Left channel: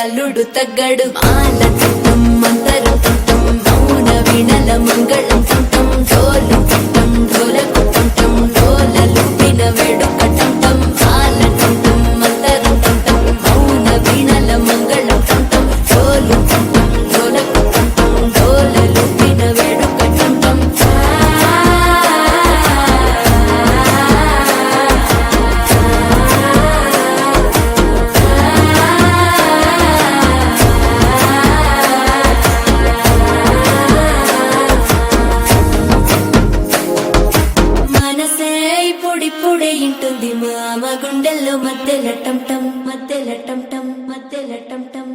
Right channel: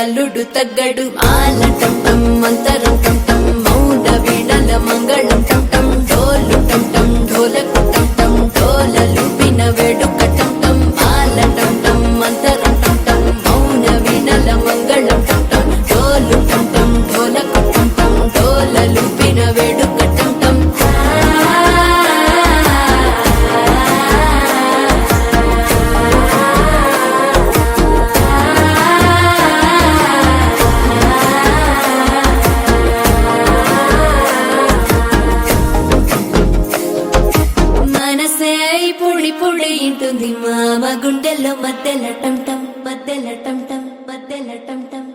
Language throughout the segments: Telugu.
అల్లుడు తగ్గడు మాల టం మంతరం టం మౌన వీణల మంగళం టం డోలు టం ఢోలకు టం డోలలు విన వేడుక టం మాల టం మంతరం టం మౌన వీణల మంగళం టం డోలు టం ఢోలకు టం డోలలు విన వేడుక టం పొడి ఇంటుంది మామ గుండెల్లో మధ్యల టం టం మధ్యల టం టం మధ్యల టం టం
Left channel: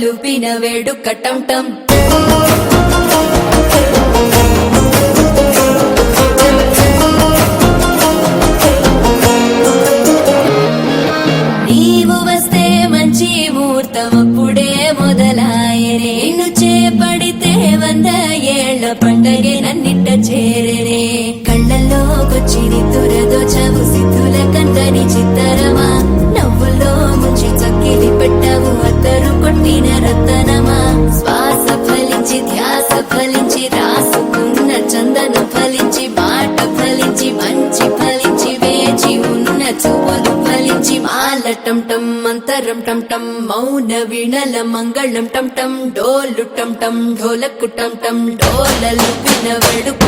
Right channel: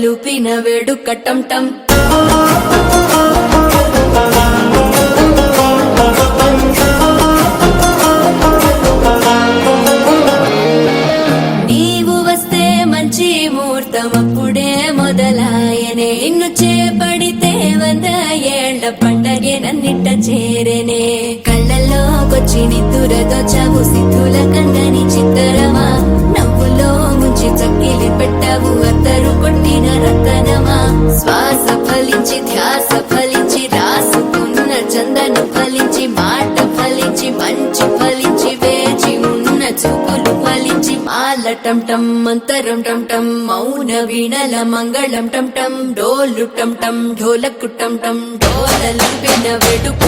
లూపిన వేడుక టం టం నీవు వస్తే మంచి ముహూర్తం అప్పుడే మొదలాయనే నిన్ను చేపడితే 100 ఏళ్ల పండగే నన్నిట్ట చేరేనే కళ్ళల్లోకొచ్చి నిద్దురదో చావు సిద్ధుల కందని చిత్తరమా నవ్వులో ముంచి చక్కిలి పెట్టావు అద్దరు కొట్టిన రతనమా శ్వాస ఫలించి ధ్యాస ఫలించి రాసుకున్న చందన ఫలించి మాట ఫలించి మంచి ఫలించి వేచి ఉన్న చూపులు ఫలించి మాల టం టం మంతరం టం టం మౌన వీణల మంగళం టం టం డోలు టం టం ఢోలకు టం టం డోలలు విన వేడుక